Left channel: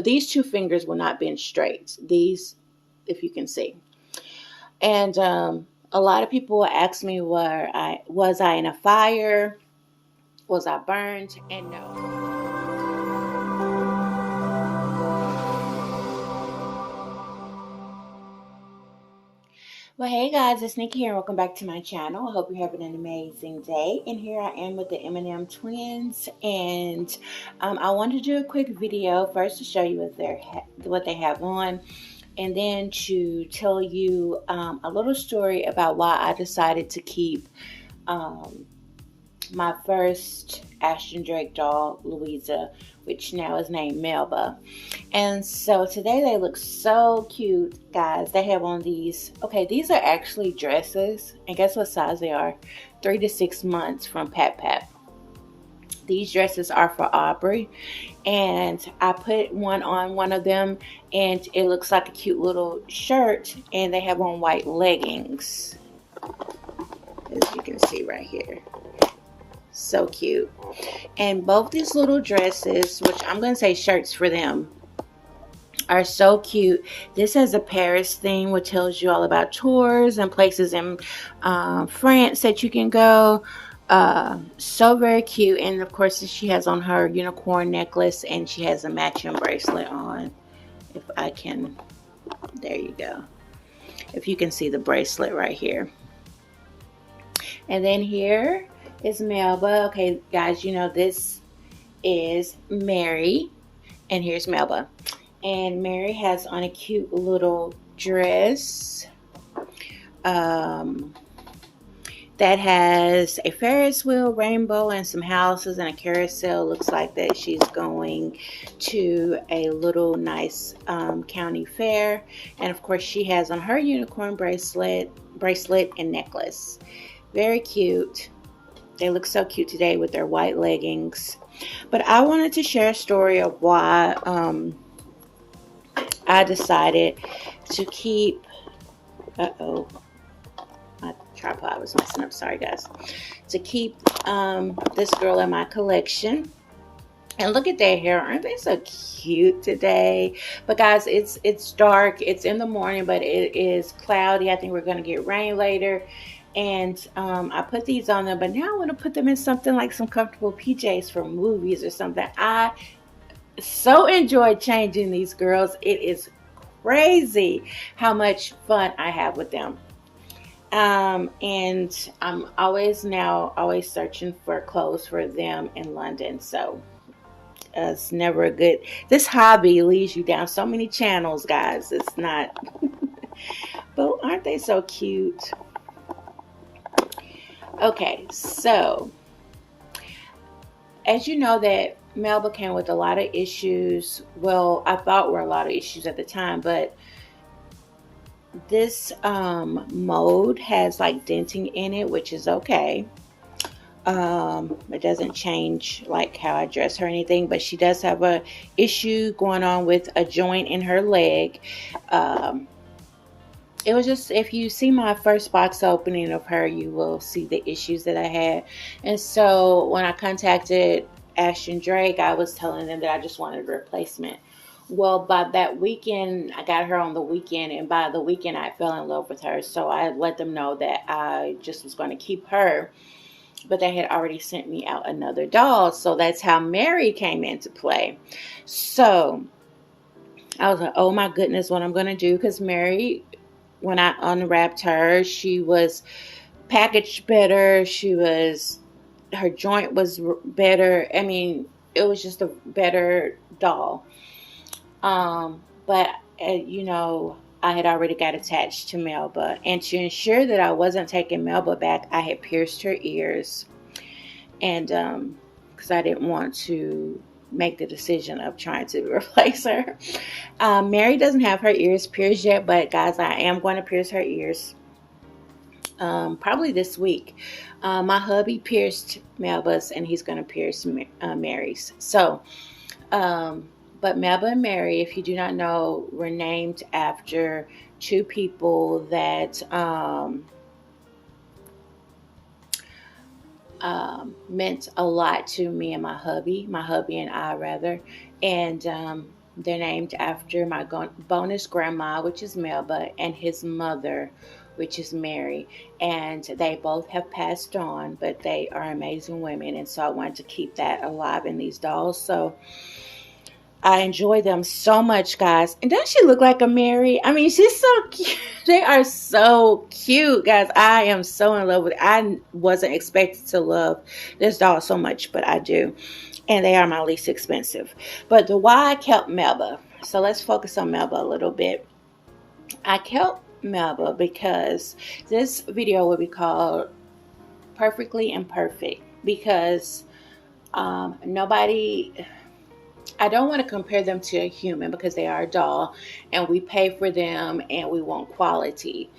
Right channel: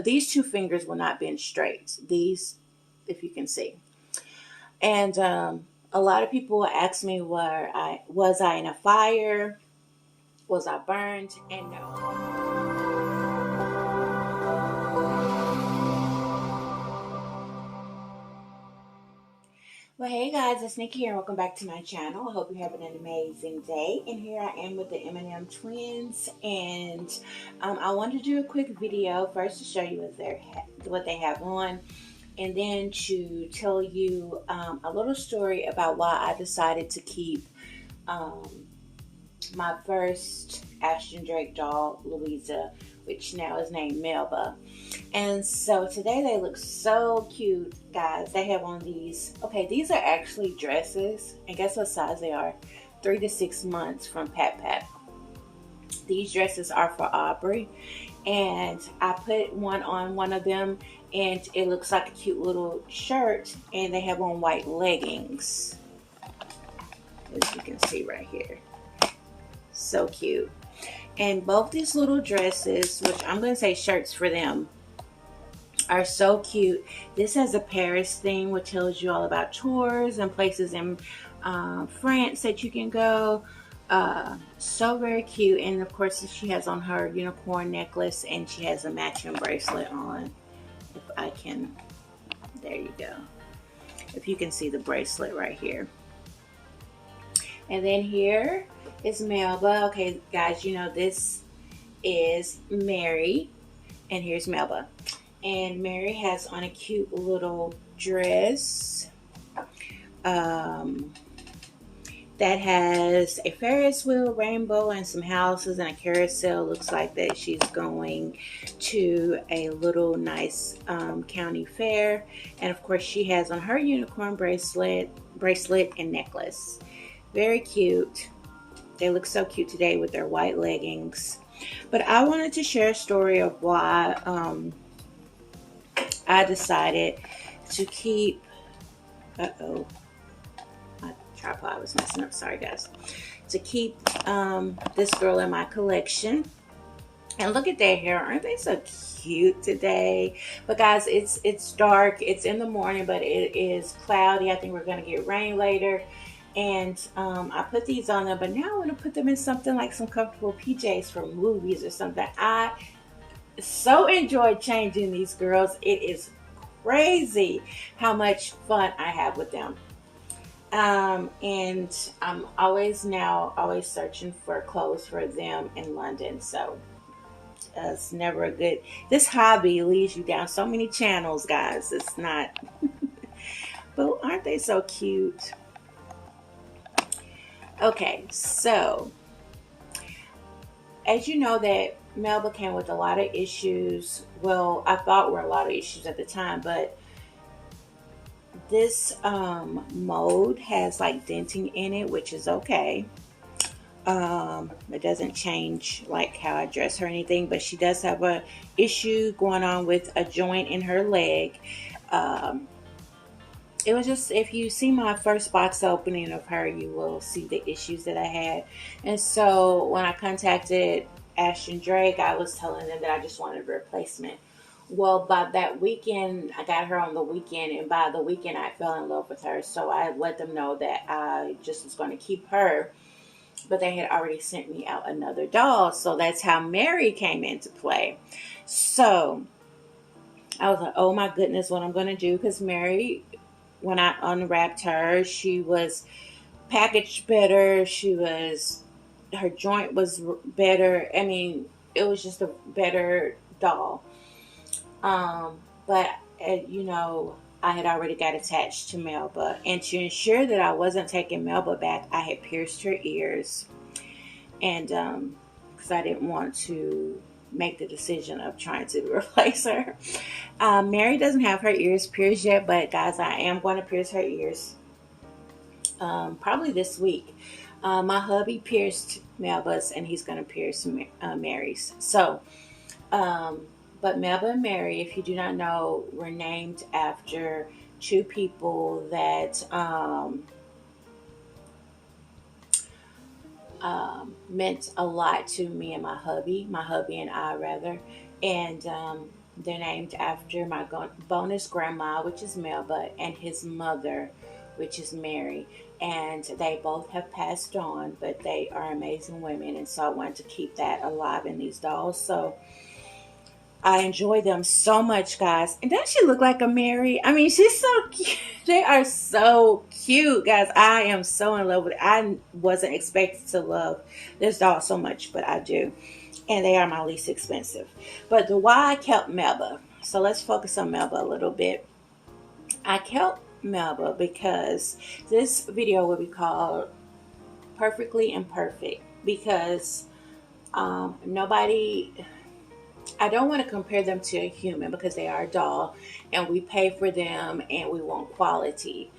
these two fingers will not bend straight. These, if you can see. And a lot of people ask me, was I in a fire? Was I burned? And no. Well, hey guys, it's Nikki here. Welcome back to my channel. I hope you're having an amazing day. And here I am with the M&M twins, and I wanted to do a quick video first to show you what they have on, and then to tell you a little story about why I decided to keep um, my first Ashton Drake doll, Louisa, which now is named Melba. And so today they look so cute, guys. They have on these. Okay, these are actually dresses, and guess what size they are? 3 to 6 months from Pat Pat. These dresses are for Aubrey, and I put one on one of them, and it looks like a cute little shirt, and they have on white leggings, as you can see right here. So cute. And both these little dresses, which I'm going to say shirts for them, are so cute. This has a Paris theme, which tells you all about tours and places in France that you can go. So very cute. And of course, she has on her unicorn necklace, and she has a matching bracelet on. If I can, there you go. If you can see the bracelet right here. And then here is Melba. Okay, guys, you know this is Mary, and here's Melba. And Mary has on a cute little dress that has a Ferris wheel, rainbow, and some houses and a carousel. Looks like that she's going to a little nice county fair. And of course, she has on her unicorn bracelet and necklace. Very cute. They look so cute today with their white leggings. But I wanted to share a story of why I decided to keep, my tripod was messing up, sorry guys, to keep this girl in my collection. And look at their hair, aren't they so cute today? But guys, it's dark, it's in the morning, but it is cloudy. I think we're gonna get rain later. And I put these on them, but now I want to put them in something like some comfortable PJs for movies or something. I so enjoy changing these girls. It is crazy how much fun I have with them. And I'm always searching for clothes for them in London. So it's never a good, this hobby leads you down so many channels, guys. It's not, but aren't they so cute? Okay, so as you know, that Melba came with a lot of issues. Well, I thought were a lot of issues at the time, but this mold has like denting in it, which is okay. It doesn't change like how I dress her or anything, but she does have a issue going on with a joint in her leg. It was just, if you see my first box opening of her, you will see the issues that I had. And so when I contacted Ashton Drake, I was telling them that I just wanted a replacement. Well, by that weekend, I got her on the weekend, and by the weekend, I fell in love with her. So I let them know that I just was going to keep her, but they had already sent me out another doll. So that's how Mary came into play. So I was like, oh my goodness, what I'm going to do, because Mary, when I unwrapped her, she was packaged better. Her joint was better. I mean, it was just a better doll. But you know, I had already got attached to Melba, and to ensure that I wasn't taking Melba back, I had pierced her ears, and because I didn't want to make the decision of trying to replace her. Mary doesn't have her ears pierced yet, but guys, I am going to pierce her ears probably this week. My hubby pierced Melba's, and he's going to pierce Mary's. So, but Melba and Mary, if you do not know, were named after two people that meant a lot to me and my hubby and I rather. And They're named after my bonus grandma, which is Melba, and his mother, which is Mary. And they both have passed on, but they are amazing women. And so I wanted to keep that alive in these dolls. So I enjoy them so much, guys. And doesn't she look like a Mary? I mean, she's so cute. They are so cute, guys. I am so in love with it. I wasn't expected to love this doll so much, but I do. And they are my least expensive. But the why I kept Melba. So let's focus on Melba a little bit. I kept Melba because this video will be called Perfectly Imperfect, because nobody, I don't want to compare them to a human because they are a doll and we pay for them and we want quality.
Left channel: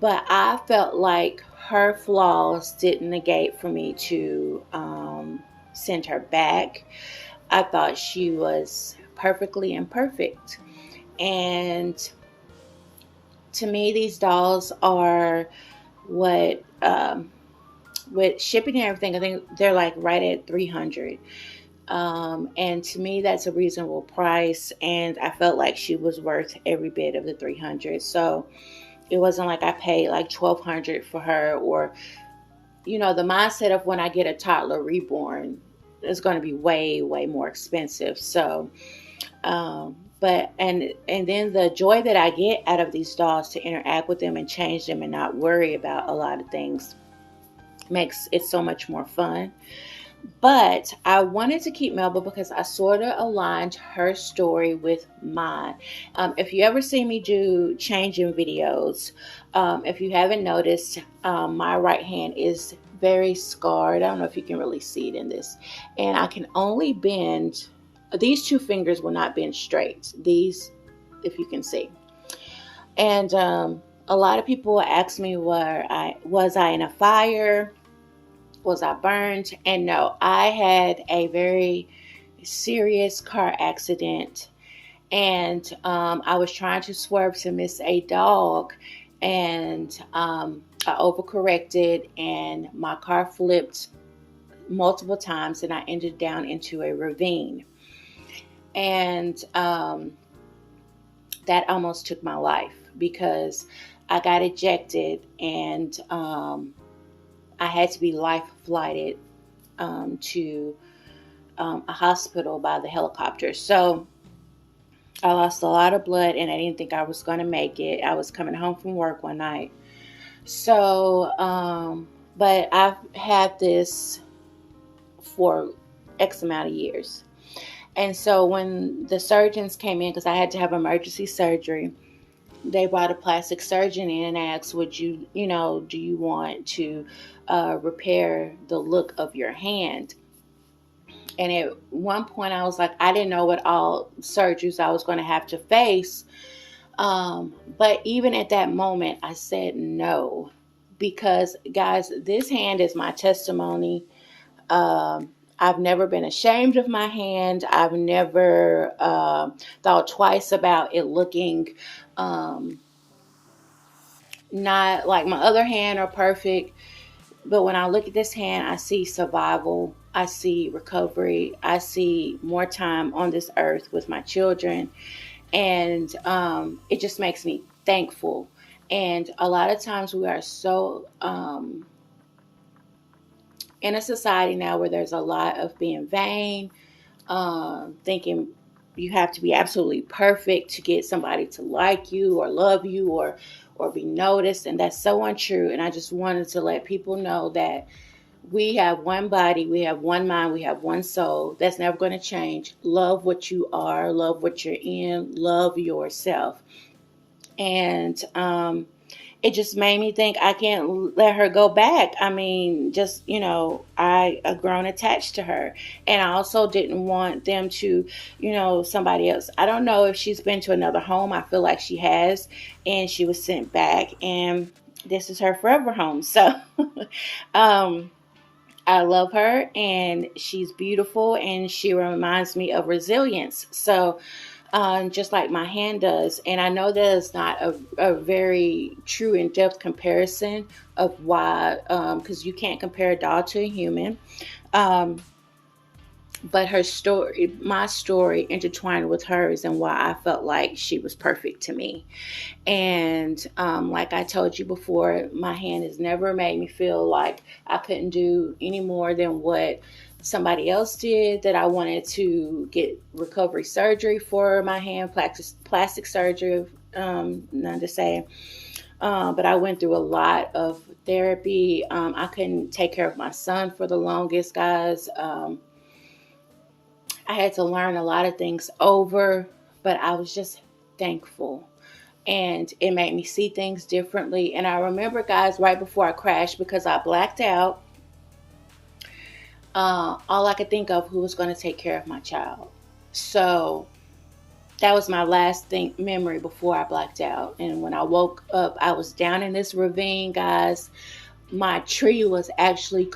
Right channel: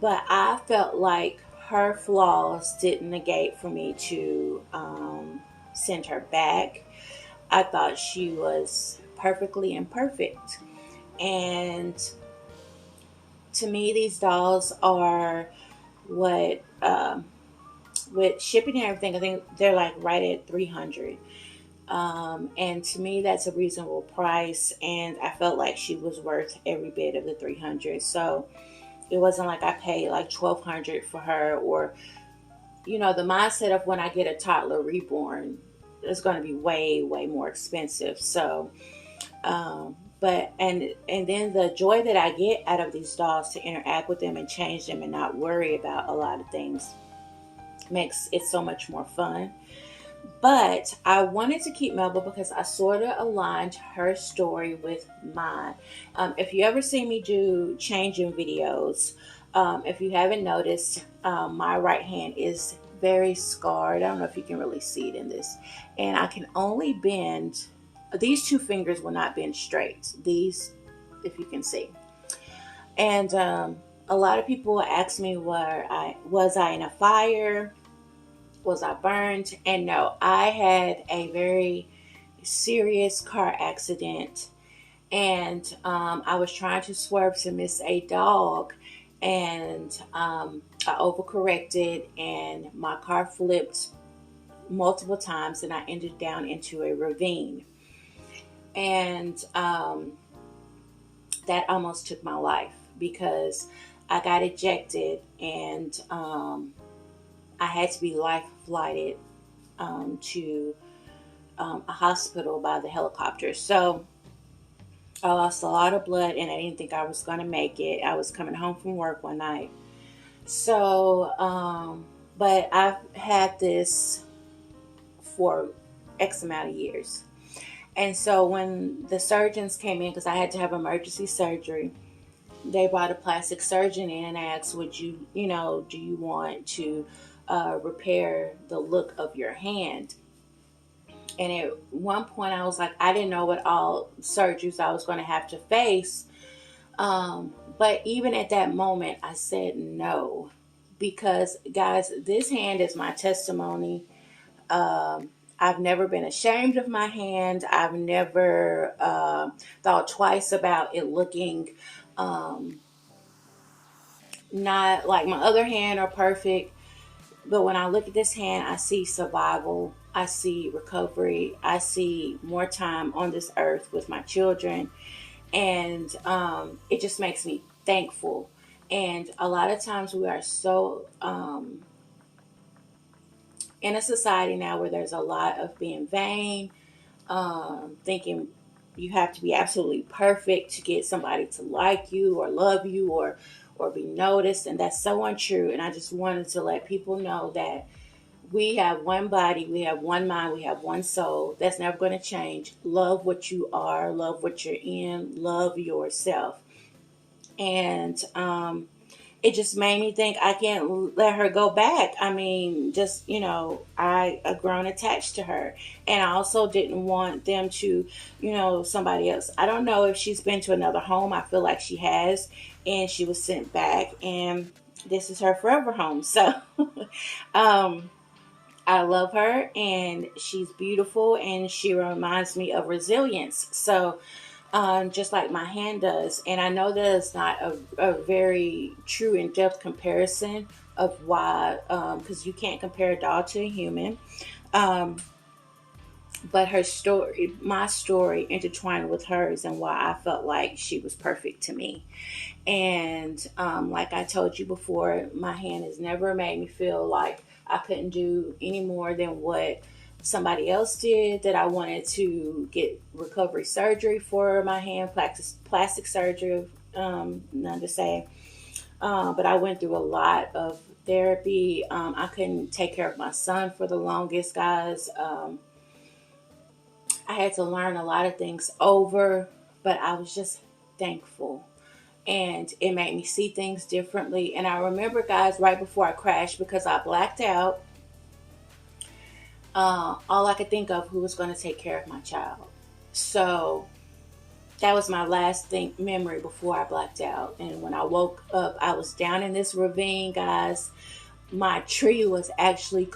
But I felt like her flaws didn't negate for me to send her back. I thought she was perfectly imperfect. And to me, these dolls are what, with shipping and everything, I think they're like right at 300. And to me, that's a reasonable price. And I felt like she was worth every bit of the 300. So it wasn't like I paid like 1,200 for her, or, you know, the mindset of when I get a toddler reborn, it's going to be way, way more expensive. So, but and then the joy that I get out of these dolls to interact with them and change them and not worry about a lot of things makes it so much more fun. But I wanted to keep Melba because I sort of aligned her story with mine. If you ever see me do changing videos, if you haven't noticed, my right hand is very scarred. I don't know if you can really see it in this. And I can only bend, these two fingers will not bend straight. These, if you can see. And a lot of people ask me, was I in a fire? Was I burned? And no, I had a very serious car accident, and I was trying to swerve to miss a dog, and I overcorrected, and my car flipped multiple times, and I ended down into a ravine, and that almost took my life because I got ejected, and I had to be life flighted to a hospital by the helicopter. So I lost a lot of blood, and I didn't think I was going to make it. I was coming home from work one night. So, but I've had this for X amount of years. And so when the surgeons came in, because I had to have emergency surgery, they brought a plastic surgeon in and asked, would you, do you want to repair the look of your hand? And at one point I was like, I didn't know what all surgeries I was going to have to face. But even at that moment, I said no, because guys, this hand is my testimony. I've never been ashamed of my hand. I've never thought twice about it looking not like my other hand or perfect. But when I look at this hand, I see survival. I see recovery. I see more time on this earth with my children. And it just makes me thankful. And a lot of times we are so in a society now where there's a lot of being vain, thinking you have to be absolutely perfect to get somebody to like you or love you or be noticed, and that's so untrue. And I just wanted to let people know that we have one body, we have one mind, we have one soul. That's never going to change. Love what you are, love what you're in, love yourself. And it just made me think I can't let her go back. I mean, just, I grown attached to her. And I also didn't want them to, somebody else. I don't know if she's been to another home. I feel like she has. And she was sent back. And this is her forever home. So I love her. And she's beautiful. And she reminds me of resilience. So just like my hand does. And I know that is not a very true in-depth comparison of why, because you can't compare a doll to a human. but her story, my story, intertwined with hers, and why I felt like she was perfect to me. And like I told you before, my hand has never made me feel like I couldn't do any more than what somebody else did, that I wanted to get recovery surgery for my hand, plastic surgery, none to say. But I went through a lot of therapy. I couldn't take care of my son for the longest, guys. I had to learn a lot of things over, but I was just thankful. And it made me see things differently. And I remember, guys, right before I crashed, because I blacked out, all I could think of who was going to take care of my child. So that was my last memory before I blacked out. And when I woke up, I was down in this ravine, guys. My tree was actually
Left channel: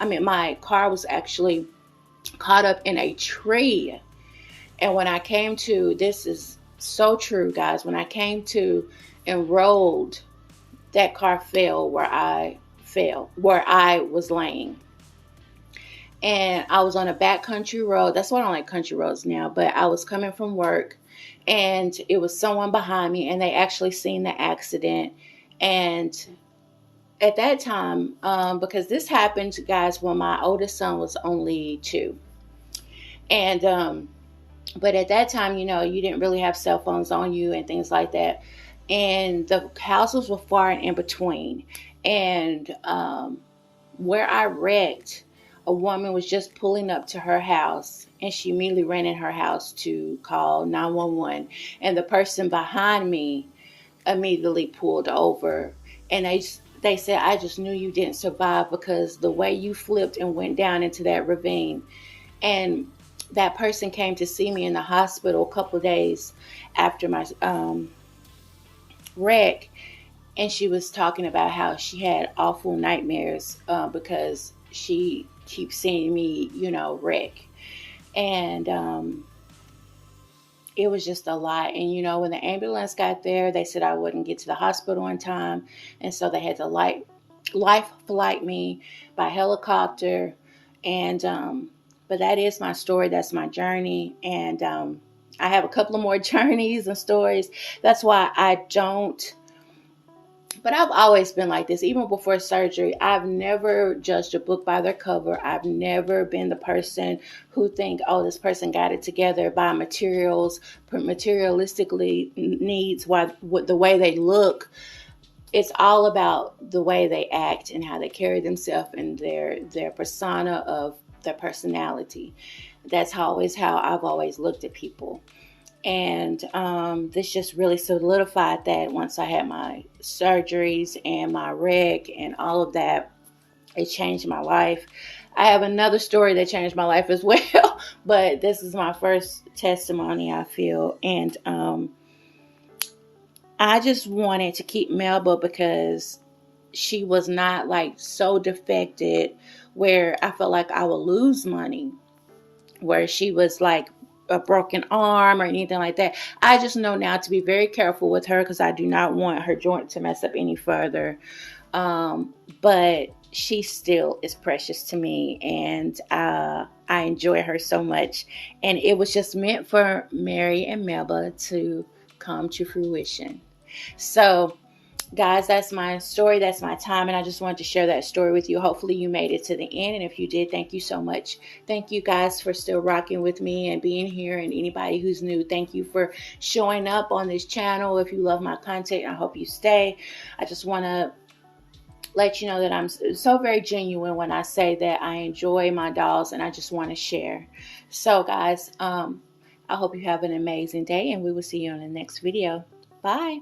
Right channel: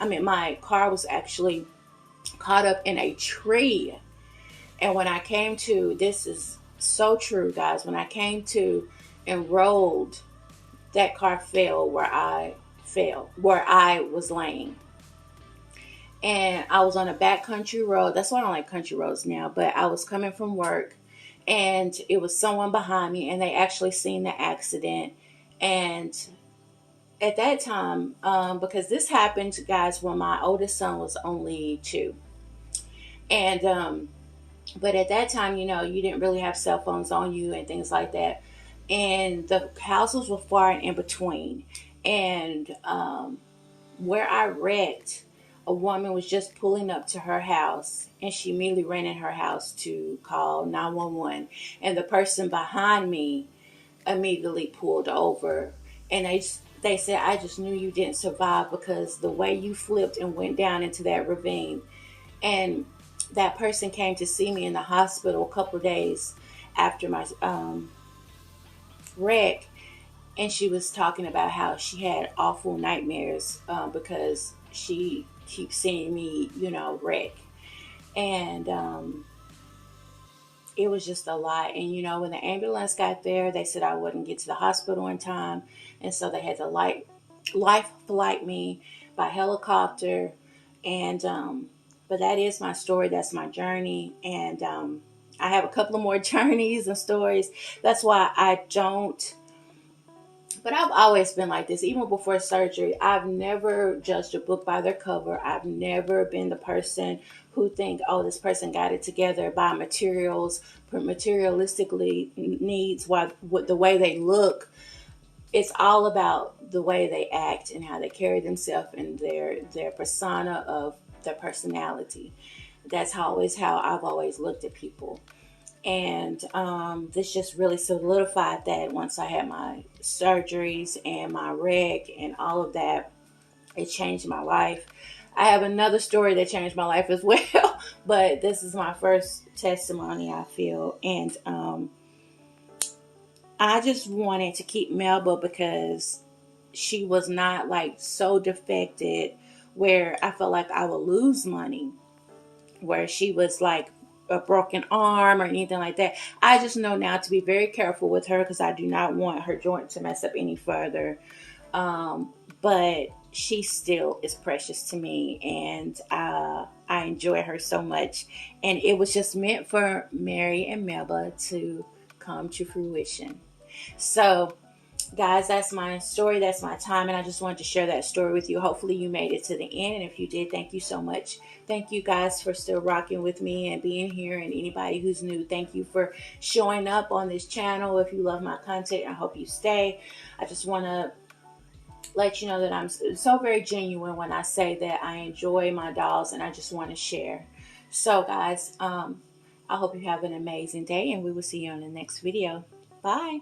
my car was actually caught up in a tree. And when I came to, this is so true, guys, when I came to and rolled, that car fell where I was laying. And I was on a back country road. That's why I don't like country roads now. But I was coming from work, and it was someone behind me, and they actually seen the accident. And at that time, because this happened, guys, when my oldest son was only 2. And but at that time, you didn't really have cell phones on you and things like that. And the houses were far and in between. And where I wrecked, a woman was just pulling up to her house, and she immediately ran in her house to call 911. And the person behind me immediately pulled over. And they said, I just knew you didn't survive because the way you flipped and went down into that ravine. And that person came to see me in the hospital a couple of days after my wreck. And she was talking about how she had awful nightmares because she keeps seeing me, wreck. And it was just a lot. And, when the ambulance got there, they said I wouldn't get to the hospital in time. And so they had to life flight me by helicopter. And, but that is my story. That's my journey. And I have a couple of more journeys and stories. That's why but I've always been like this. Even before surgery, I've never judged a book by their cover. I've never been the person who think, oh, this person got it together by materialistically needs, the way they look. It's all about the way they act and how they carry themselves and their persona of their personality. That's always how I've always looked at people. And this just really solidified that once I had my surgeries and my wreck and all of that. It changed my life. I have another story that changed my life as well, but this is my first testimony, I feel. And I just wanted to keep Melba because she was not like so defected where I felt like I would lose money, where she was like a broken arm or anything like that. I just know now to be very careful with her because I do not want her joint to mess up any further. But she still is precious to me, and I enjoy her so much. And it was just meant for Mary and Melba to come to fruition. So guys, that's my story. That's my time. And I just wanted to share that story with you. Hopefully you made it to the end. And if you did, thank you so much. Thank you guys for still rocking with me and being here. And anybody who's new, thank you for showing up on this channel. If you love my content, I hope you stay. I just want to let you know that I'm so very genuine when I say that I enjoy my dolls and I just want to share. So guys, I hope you have an amazing day, and we will see you on the next video. Bye.